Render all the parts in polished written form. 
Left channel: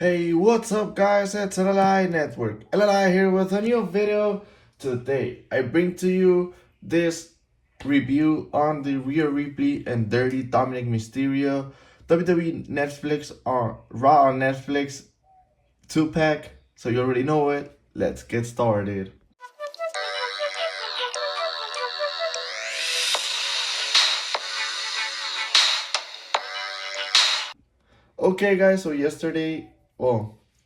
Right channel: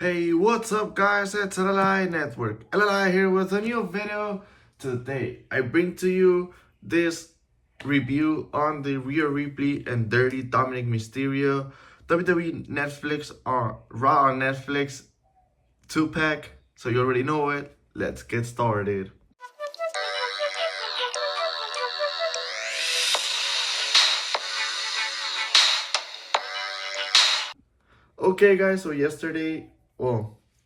Hey, what's up guys, it's LLI Network. LLI here with a new video. Today, I bring to you this review on the Rhea Ripley and Dirty Dominik Mysterio WWE Netflix or Raw on Netflix 2-pack. So you already know it, let's get started. Okay guys, so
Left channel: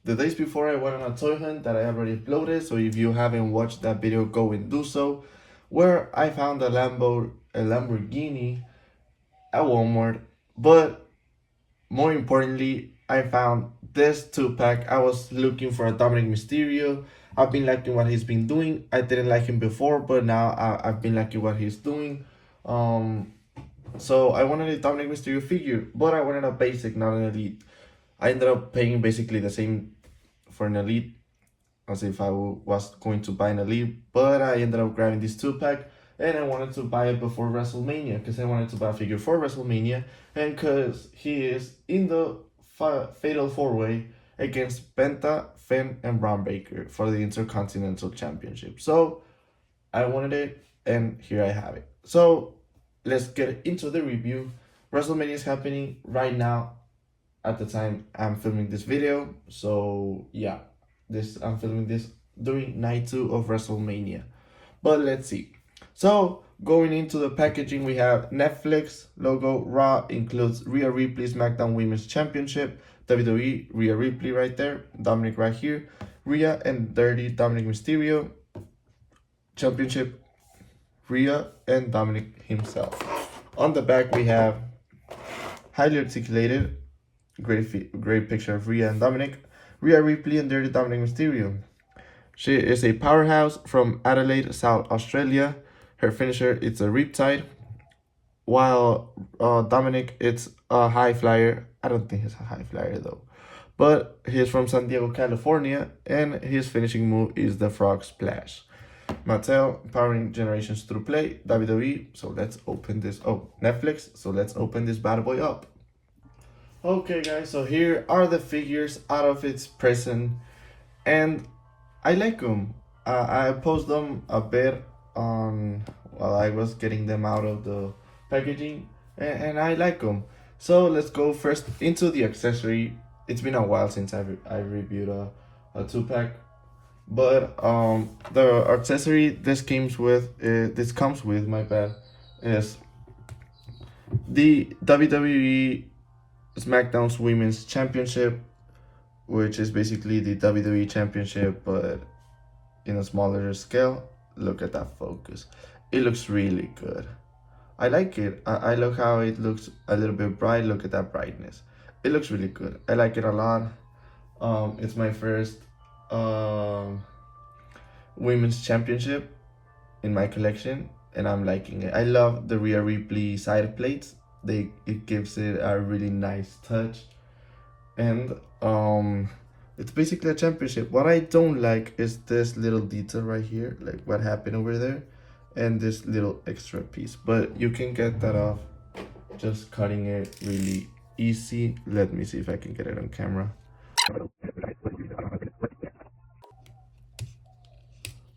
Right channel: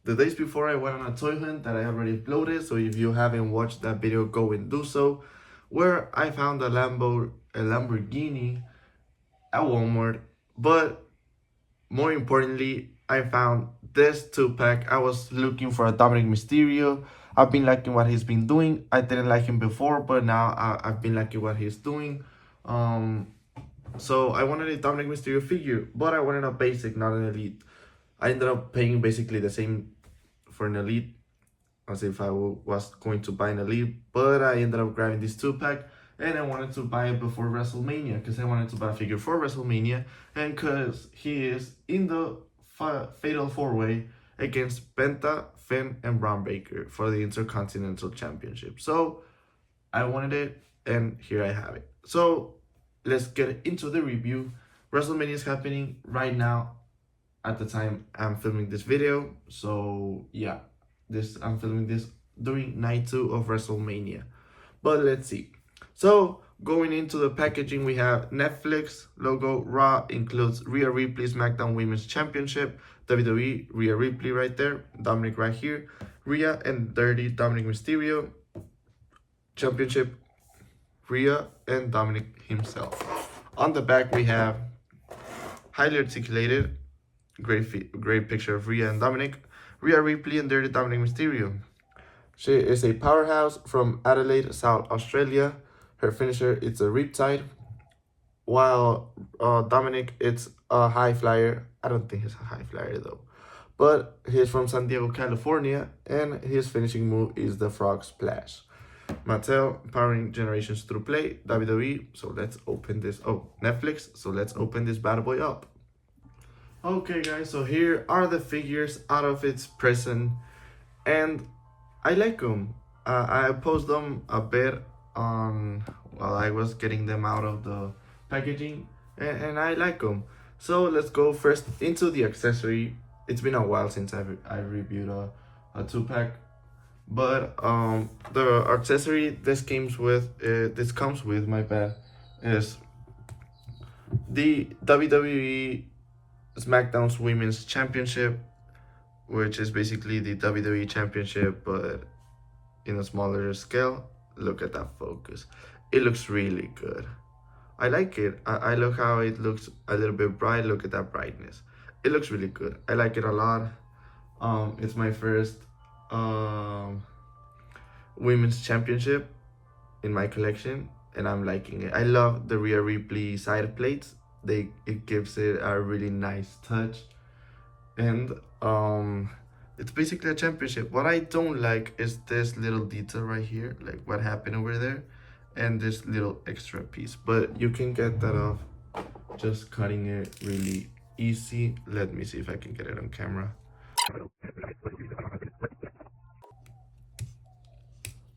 the days before I went on a toy hunt that I already uploaded, so if you haven't watched that video, go and do so, where I found a Lamborghini at Walmart, but more importantly, I found this 2-pack. I was looking for a Dominik Mysterio. I've been liking what he's been doing. I didn't like him before, but now I've been liking what he's doing. So I wanted a Dominik Mysterio figure, but I wanted a basic, not an elite. I ended up paying basically the same for an elite as if I was going to buy an elite, but I ended up grabbing this 2-pack and I wanted to buy it before WrestleMania because I wanted to buy a figure for WrestleMania and because he is in the Fatal 4-Way against Penta, Finn, and Braun Baker for the Intercontinental Championship. So I wanted it and here I have it. So let's get into the review. WrestleMania is happening right now at the time I'm filming this video. So yeah, I'm filming this during night 2 of WrestleMania. But let's see. So going into the packaging, we have Netflix logo. Raw includes Rhea Ripley SmackDown Women's Championship, WWE Rhea Ripley right there, Dominik right here, Rhea and Dirty Dominik Mysterio Championship, Rhea and Dominik himself. On the back we have highly articulated, great picture of Rhea and Dominik, Rhea Ripley and Dirty Dominik Mysterio. She is a powerhouse from Adelaide, South Australia. Her finisher is a Riptide, while Dominik it's a high flyer. I don't think he's a high flyer though, but he's from San Diego, California, and his finishing move is the Frog Splash. Mattel, powering generations through play, WWE. So let's open this. Oh, Netflix. So let's open this bad boy up. Okay, guys. So here are the figures out of its present, and I like them. I posted them a bit on while I was getting them out of the packaging, and I like them. So let's go first into the accessory. It's been a while since I reviewed a 2-pack, but the accessory this comes with, my bad, is the WWE SmackDown's Women's Championship, which is basically the WWE Championship, but in a smaller scale. Look at that focus. It looks really good. I like it. I like how it looks a little bit bright. Look at that brightness. It looks really good. I like it a lot. It's my first women's championship in my collection, and I'm liking it. I love the Rhea Ripley side plates. It gives it a really nice touch, and it's basically a championship. What I don't like is this little detail right here, like what happened over there, and this little extra piece, but you can get that off just cutting it really easy. Let me see if I can get it on camera.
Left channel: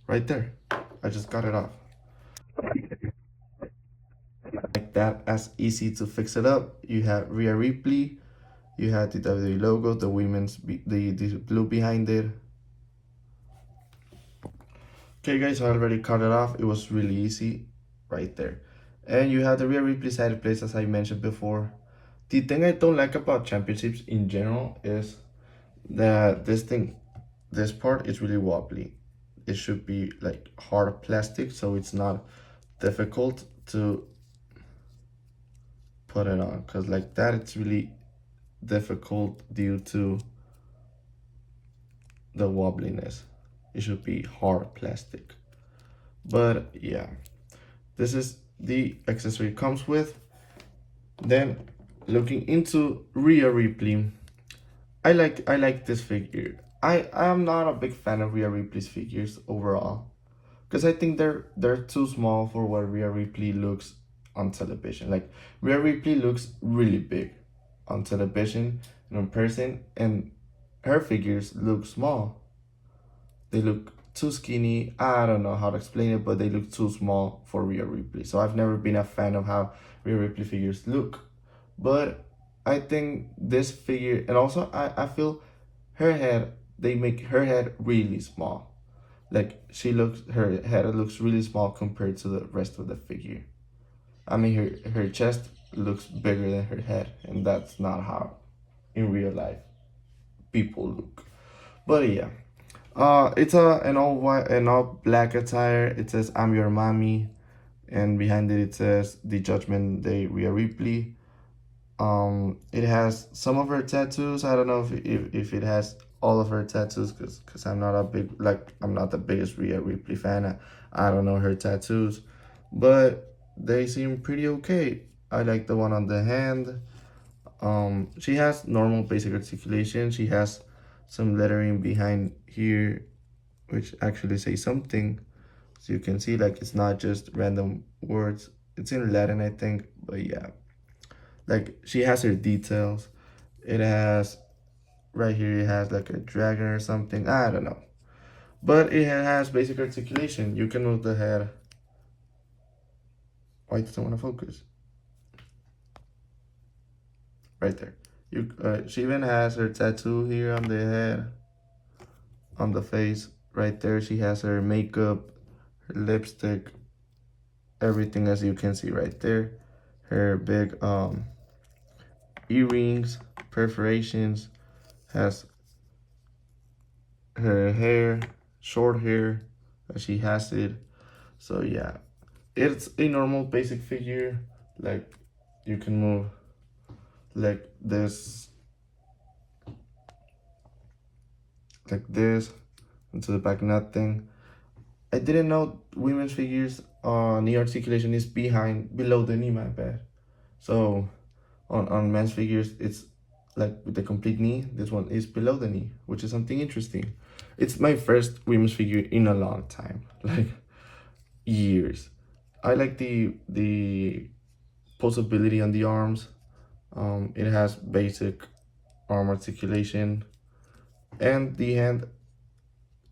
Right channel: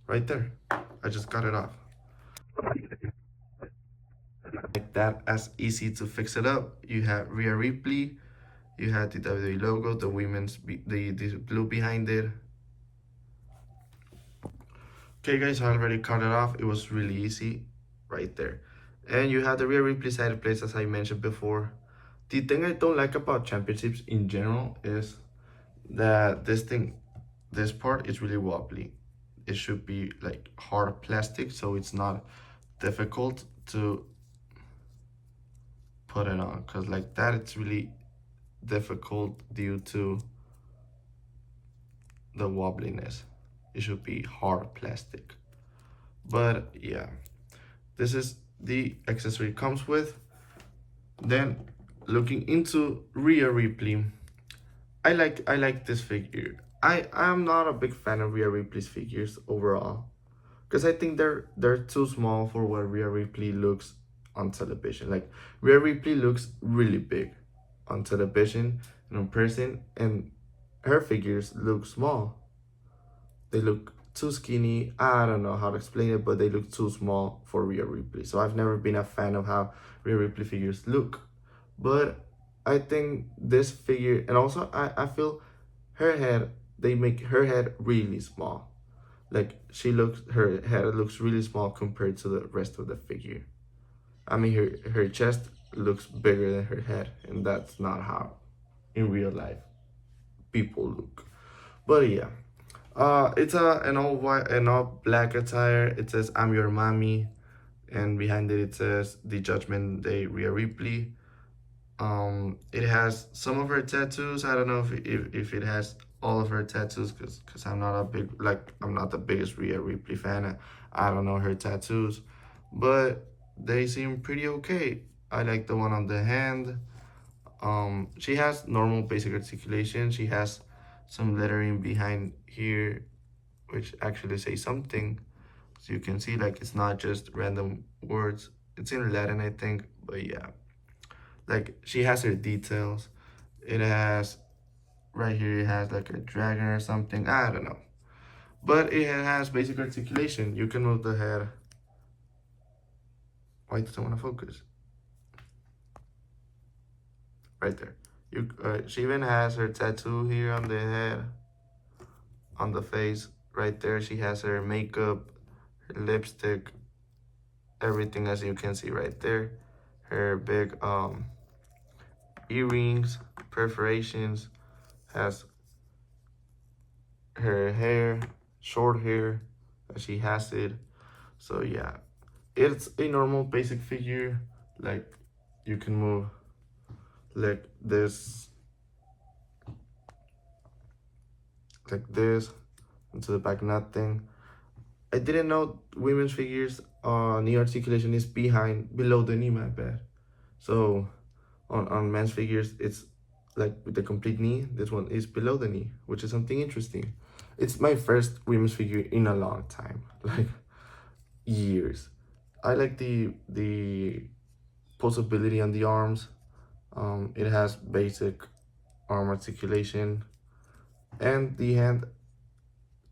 Right there, I just got it off like that. As easy to fix it up. You have Rhea Ripley, you had the WWE logo, the women's the blue behind it. Okay guys, I already cut it off. It was really easy right there. And you have the Rhea Ripley side plates, as I mentioned before. The thing I don't like about championships in general is that this part is really wobbly. It should be like hard plastic, so it's not difficult to put it on, because like that it's really difficult due to the wobbliness. It should be hard plastic. But yeah, this is the accessory it comes with. Then looking into Rhea Ripley, I like this figure. I'm not a big fan of Rhea Ripley's figures overall, because I think they're too small for what Rhea Ripley looks on television. Like Rhea Ripley looks really big on television and in person, and her figures look small. They look too skinny. I don't know how to explain it, but they look too small for Rhea Ripley. So I've never been a fan of how Rhea Ripley figures look. But I think this figure, and also I feel her head, they make her head really small. Like her head looks really small compared to the rest of the figure. I mean, her chest looks bigger than her head, and that's not how in real life people look. But yeah, it's an all white and all black attire. It says "I'm your mommy," and behind it says "The Judgment Day, Rhea Ripley." It has some of her tattoos. I don't know if it has all of her tattoos, because I'm not a big, like, I'm not the biggest Rhea Ripley fan. I don't know her tattoos, but they seem pretty okay. I like the one on the hand. She has normal basic articulation. She has some lettering behind here, which actually say something. So you can see, like, it's not just random words. It's in Latin, I think, but yeah. Like, she has her details. It has, right here, it has like a dragon or something. I don't know. But it has basic articulation. You can move the head. Why doesn't want to focus? Right there. She even has her tattoo here on the head, on the face. Right there, she has her makeup, her lipstick, everything, as you can see right there. Her big earrings, perforations, has her hair, short hair, she has it. So yeah, it's a normal basic figure. Like, you can move like this into the back, nothing. I didn't know women's figures knee articulation is below the knee, my bad. So on men's figures, it's like with the complete knee. This one is below the knee, which is something interesting. It's my first women's figure in a long time, like years. I like the posability on the arms. It has basic arm articulation, and the hand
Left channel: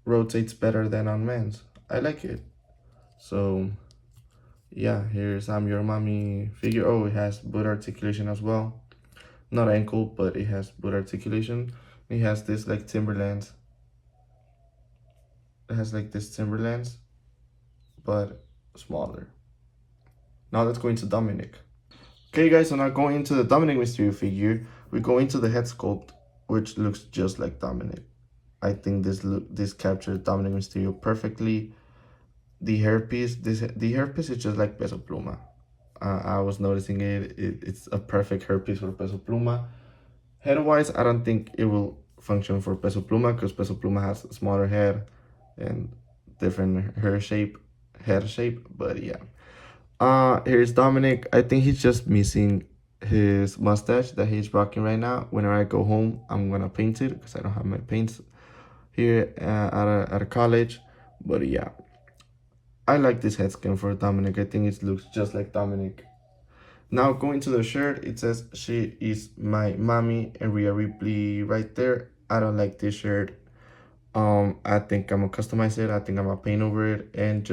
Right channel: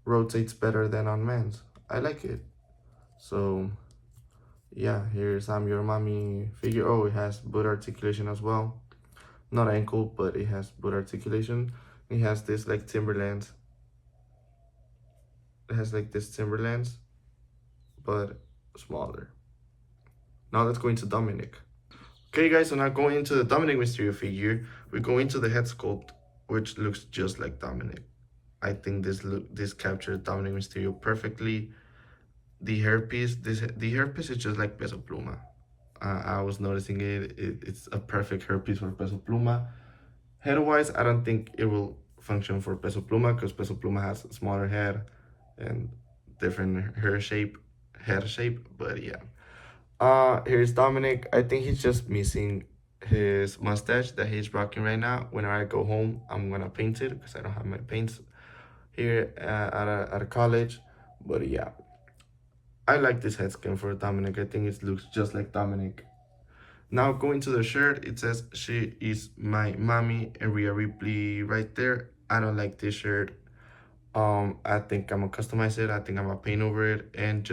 rotates better than on men's. I like it. So yeah, here's I'm Your Mommy figure. Oh, it has boot articulation as well. Not ankle, but it has boot articulation. It has this like Timberlands. It has like this Timberlands, but smaller. Now let's go into Dominik. Okay guys, so now going into the Dominik Mysterio figure, we go into the head sculpt, which looks just like Dominik. I think this captures Dominik Mysterio perfectly. The hairpiece, the hairpiece is just like Peso Pluma. I was noticing it's a perfect hairpiece for Peso Pluma. Head-wise, I don't think it will function for Peso Pluma, because Peso Pluma has a smaller head and different head shape, but yeah. Here's Dominik. I think he's just missing his mustache that he's rocking right now. Whenever I go home, I'm gonna paint it, because I don't have my paints here at a college. But yeah, I like this head scan for Dominik. I think it looks just like Dominik. Now going to the shirt, it says "She is my mommy" and Rhea Ripley right there. I don't like this shirt. I think I'm gonna customize it. I think I'm gonna paint over it and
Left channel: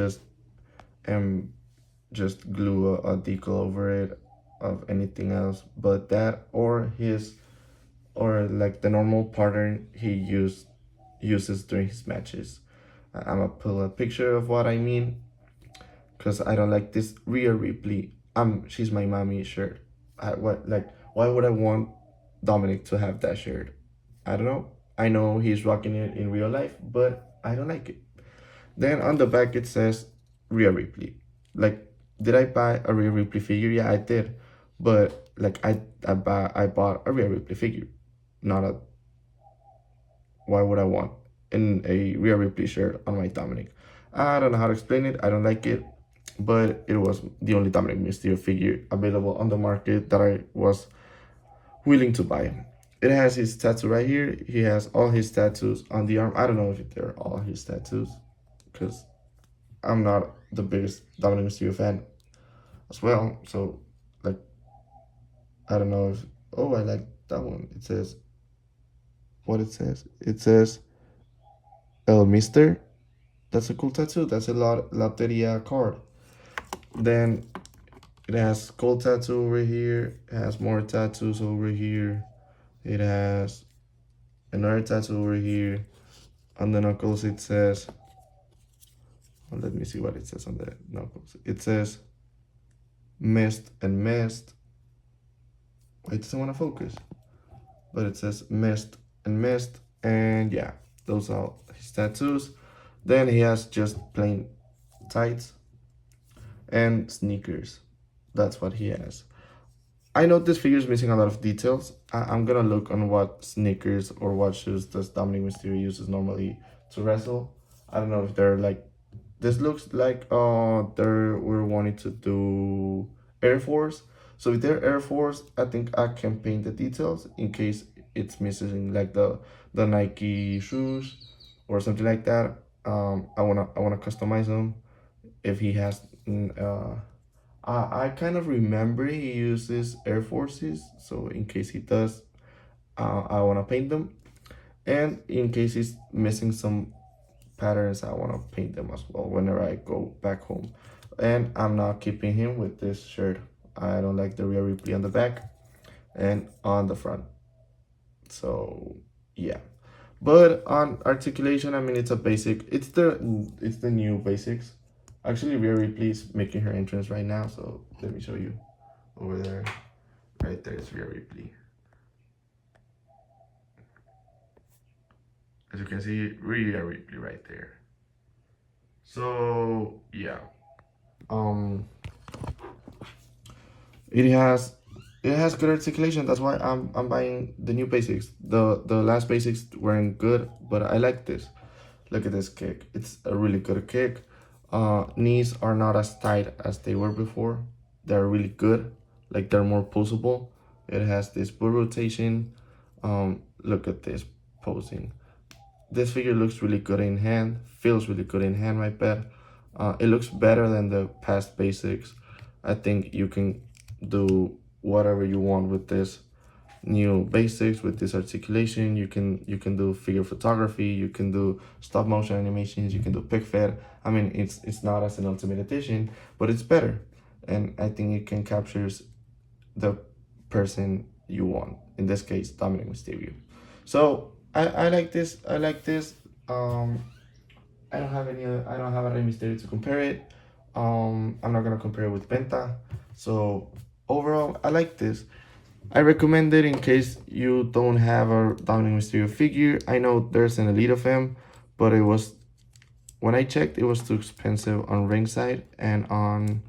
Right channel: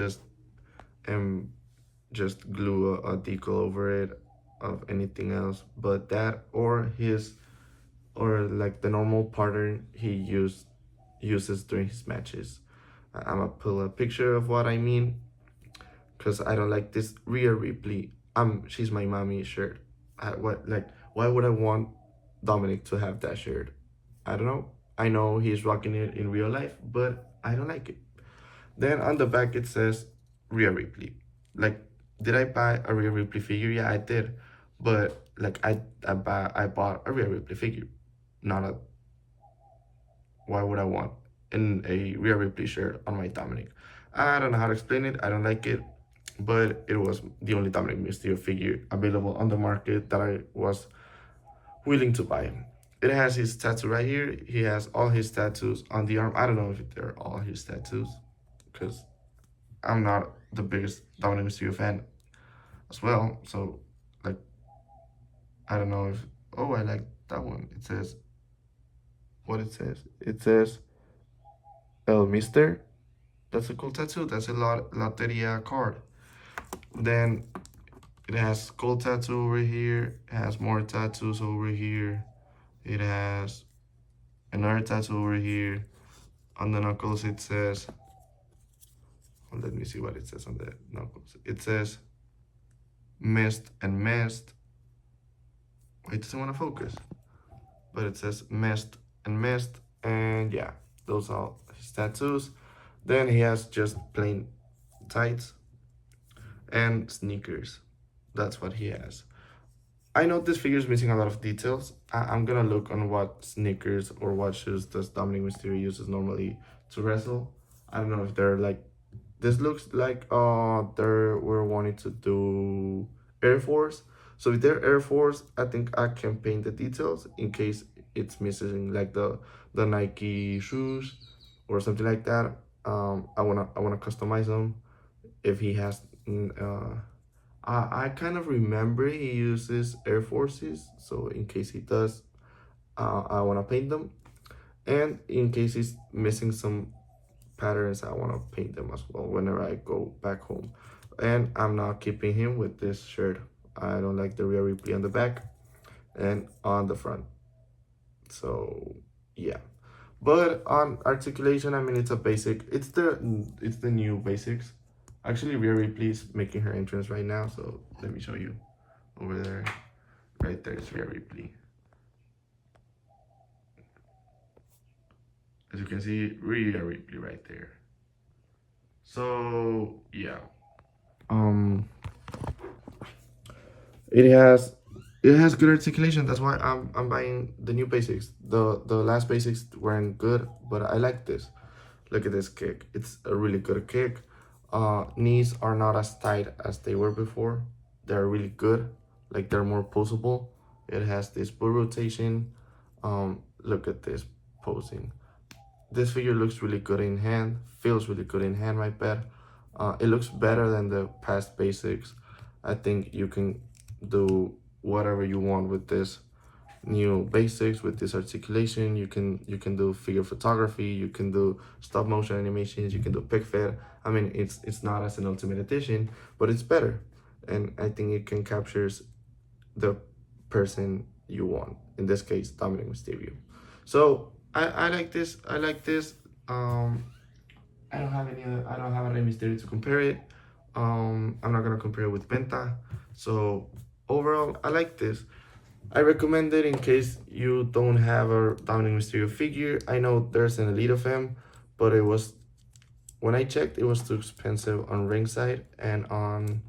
just glue a decal over it of anything else but that, or like the normal pattern he uses during his matches. I'm gonna pull a picture of what I mean, because I don't like this Rhea Ripley she's my mommy shirt. Why would I want Dominik to have that shirt? I don't know. I know he's rocking it in real life, but I don't like it. Then on the back it says Rhea Ripley. Like, did I buy a Rhea Ripley figure? Yeah, I did. But like, I bought a Rhea Ripley figure, not a. Why would I want in a Rhea Ripley shirt on my Dominik? I don't know how to explain it. I don't like it, but it was the only Dominik Mysterio figure available on the market that I was willing to buy. It has his tattoo right here. He has all his tattoos on the arm. I don't know if they're all his tattoos, because I'm not the biggest Dominik Mysterio fan as well. So, like, I don't know if. Oh, I like that one. It says what it says. It says El Mister. That's a cool tattoo. That's a Loteria card. Then it has gold tattoo over here. It has more tattoos over here. It has another tattoo over here. On the knuckles it says, well, let me see what it says on the knuckles. It says mist and mist. It doesn't want to focus, but it says mist and mist. And yeah, those are his tattoos. Then he has just plain tights and sneakers. That's what he has. I know this figure is missing a lot of details. I'm gonna look on what sneakers or what shoes does Dominik Mysterio uses normally to wrestle. I don't know if they're like, this looks like we're wanting to do Air Force. So if they're Air Force, I think I can paint the details in case it's missing like the Nike shoes or something like that. I wanna customize them if he has I kind of remember he uses Air Forces, so in case he does, I want to paint them. And in case he's missing some patterns, I want to paint them as well whenever I go back home. And I'm not keeping him with this shirt. I don't like the Rhea Ripley on the back and on the front. So yeah. But on articulation, I mean, it's a basic. It's the new basics. Actually, Rhea Ripley is making her entrance right now, so let me show you. Over there, right there is Rhea Ripley. As you can see, Rhea Ripley right there. So yeah, it has good articulation. That's why I'm buying the new basics. The last basics weren't good, but I like this. Look at this kick. It's a really good kick. Knees are not as tight as they were before. They're really good. Like they're more posable. It has this bull rotation. Look at this posing. This figure looks really good in hand. Feels really good in hand, my bet. It looks better than the past basics. I think you can do whatever you want with this new basics, with this articulation. You can do figure photography, you can do stop motion animations, you can do pic fed. I mean, it's not as an ultimate edition, but it's better, and I think it can captures the person you want, in this case Dominik Mysterio. So I like this. I don't have any Mysterio to compare it. I'm not gonna compare it with Penta. So overall, I like this. I recommend it in case you don't have a Dominik Mysterio figure. I know there's an Elite of him, but it was, when I checked, it was too expensive on Ringside and on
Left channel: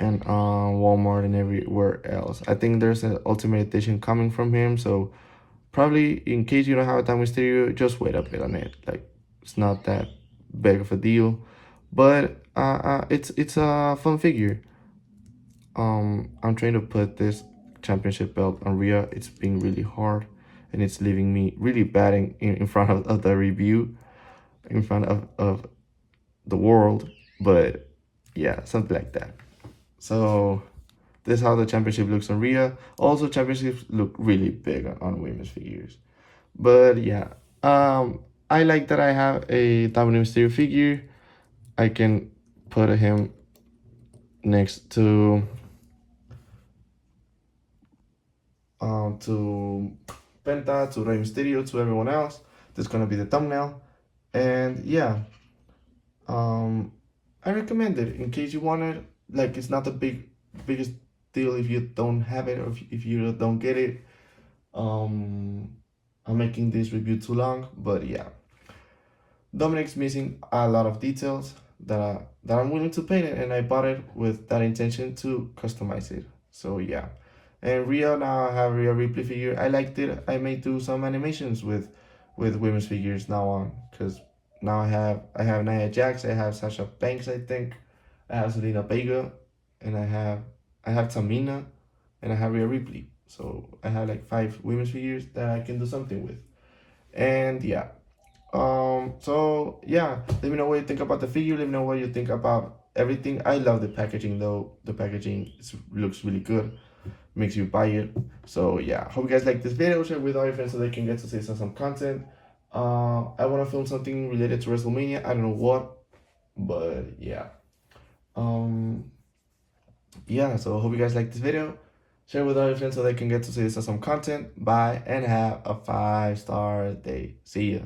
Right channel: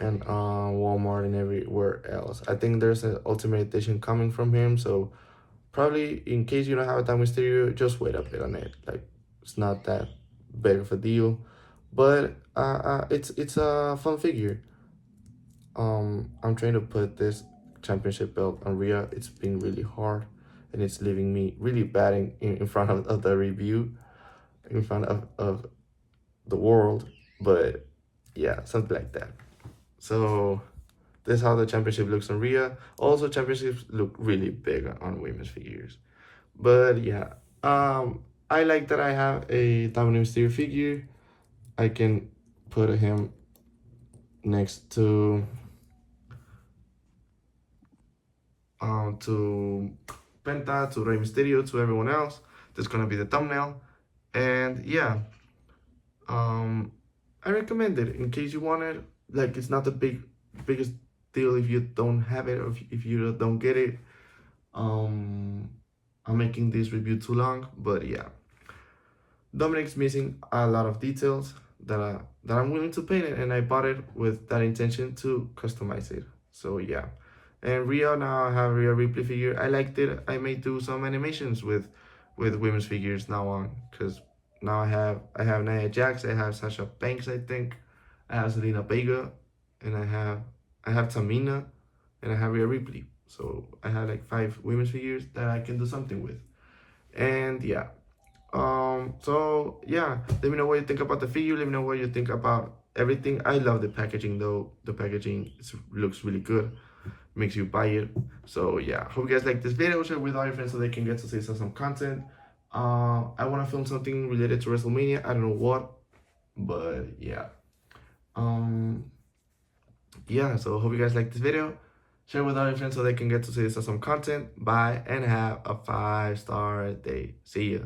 Walmart and everywhere else. I think there's an Ultimate Edition coming from him, so probably in case you don't have a Dominik Mysterio, just wait a bit on it. Like, it's not that big of a deal, but it's a fun figure. I'm trying to put this championship belt on Rhea. It's been really hard, and it's leaving me really bad in front of the review, in front of the world. But yeah, something like that. So this is how the championship looks on Rhea. Also, championships look really big on women's figures. But yeah, I like that I have a Dominik Mysterio figure. I can put him next to Penta, to Rey Mysterio, to everyone else. That's gonna be the thumbnail. And yeah, I recommend it in case you want it. Like, it's not the biggest deal if you don't have it, or if you don't get it. I'm making this review too long, but yeah, Dominik's missing a lot of details that I'm willing to paint it, and I bought it with that intention to customize it. So yeah. And Rhea, now I have Rhea Ripley figure. I liked it. I may do some animations with women's figures now on, because now I have Nia Jax, I have Sasha Banks, I think, I have Selena Vega, and I have Tamina, and I have Rhea Ripley. So I have like 5 women's figures that I can do something with. And yeah. So yeah, let me know what you think about the figure. Let me know what you think about everything. I love the packaging though. The packaging looks really good. makes you buy it. So yeah, hope you guys like this video. Share with all your friends so they can get to see some content. I want to film something related to WrestleMania. I don't know what, but yeah. Yeah, so hope you guys like this video. Share with all your friends so they can get to see some content. Bye and have a 5-star day. See ya.